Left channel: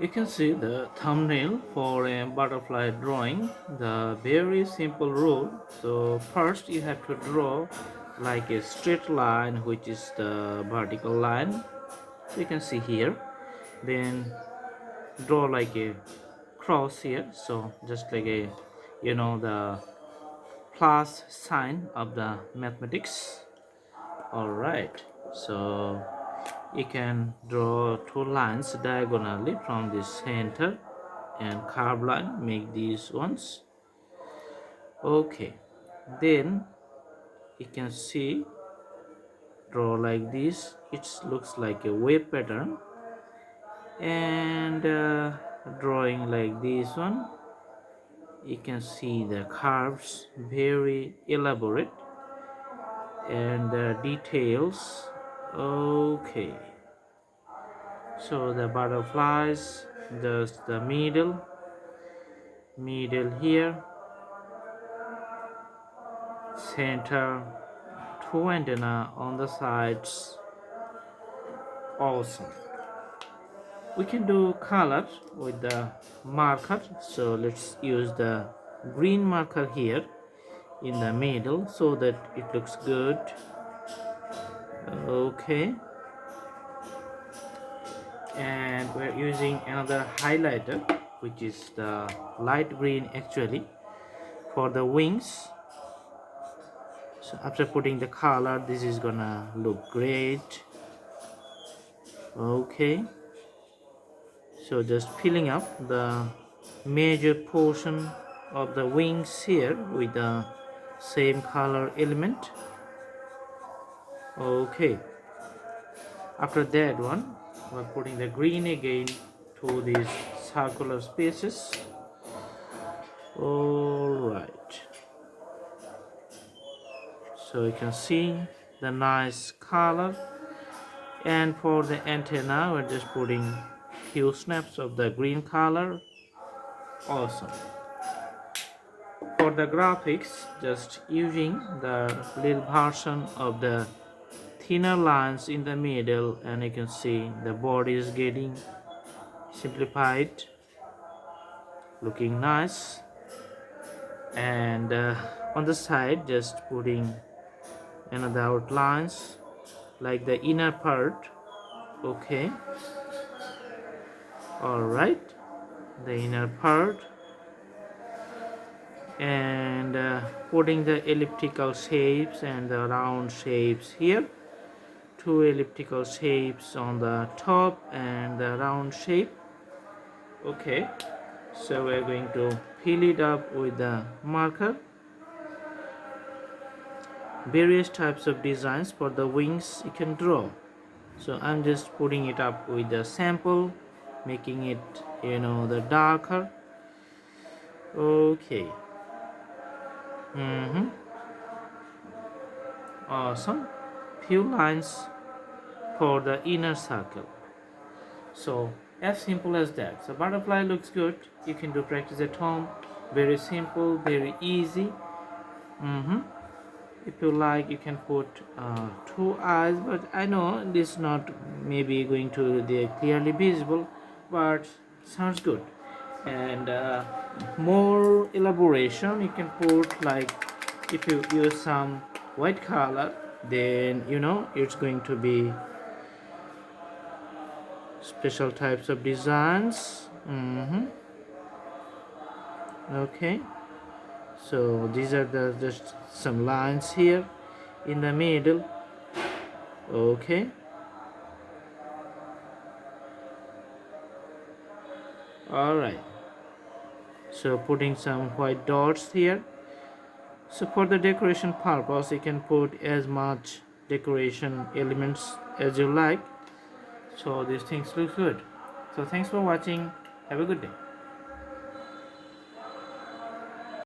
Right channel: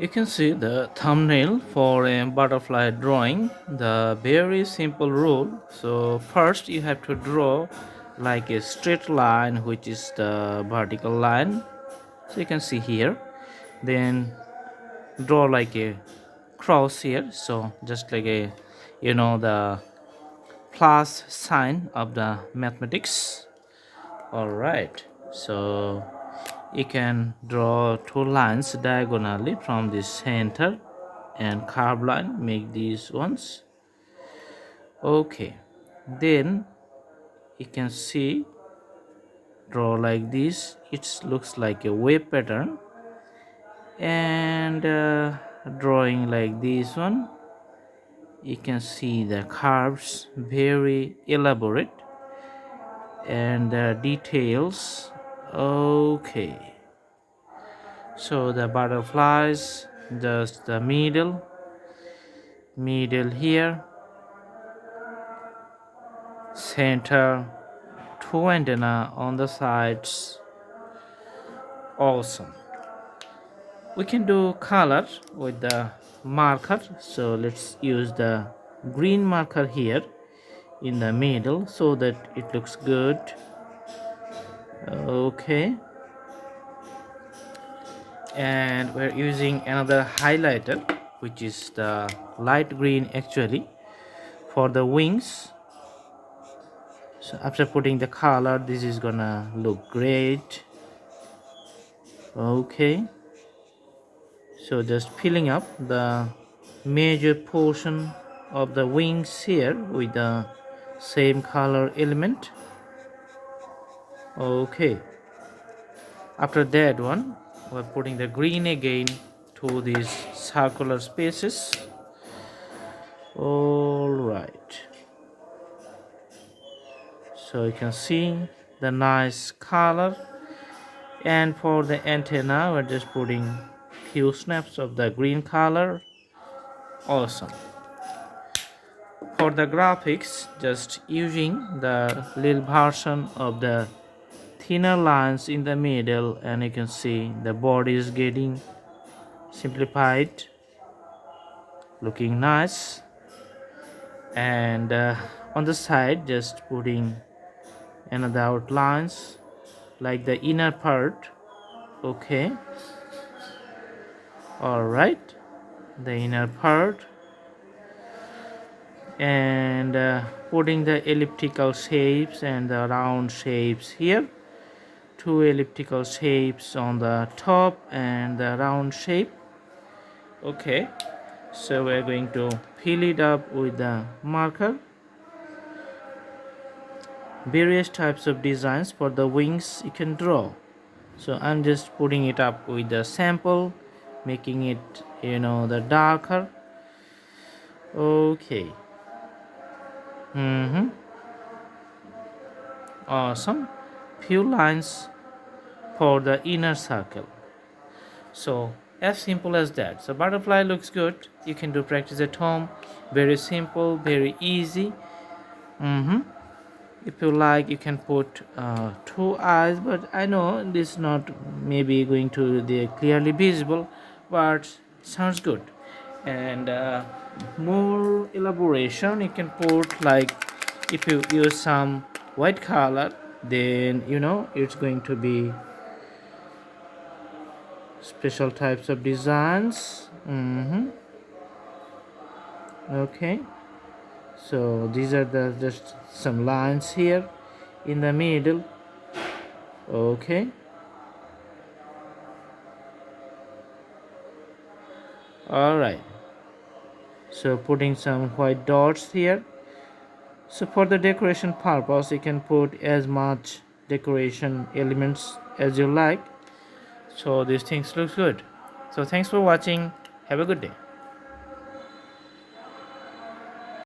You can see the thumbnail for a butterfly drawing. The very simple rule. So first you have to draw like a straight line, which is the vertical line. So you can see here. Then draw like a cross here. So just like a, the plus sign of the mathematics. All right. So you can draw two lines diagonally from the center and curve line, make these ones. Okay, then you can see, draw like this. It looks like a wave pattern. And drawing like this one, you can see the curves very elaborate and the details. Okay, so the butterflies, just the middle here, center, two antenna on the sides. Awesome. We can do color with the marker, so let's use the green marker here in the middle so that it looks good. Okay, and we're using another highlighter, which is the light green actually, for the wings. So after putting the color, this is gonna look great. Okay, so just filling up the major portion of the wings here with the same color element. Okay, after that one, we're putting the green again to these circular spaces. All right, so you can see the nice color. And for the antenna, we're just putting few snaps of the green color. Awesome. For the graphics, just using the little version of the thinner lines in the middle, and you can see the body is getting simplified, looking nice. And on the side, just putting another outlines like the inner part. Okay, all right, the inner part. And putting the elliptical shapes and the round shapes here, two elliptical shapes on the top and the round shape. Okay, so we're going to fill it up with the marker. Various types of designs for the wings you can draw. So I'm just putting it up with the sample, making it, the darker. Okay. Awesome. Few lines for the inner circle. So as simple as that. So butterfly looks good. You can do practice at home. Very simple, very easy. If you like, you can put two eyes, but I know this is not maybe going to be clearly visible, but sounds good. And more elaboration, you can put like, if you use some white color, then it's going to be special types of designs. Okay, so these are the just some lines here in the middle. Okay, all right, so putting some white dots here. So for the decoration purpose, you can put as much decoration elements as you like. So these things look good. So thanks for watching. Have a good day.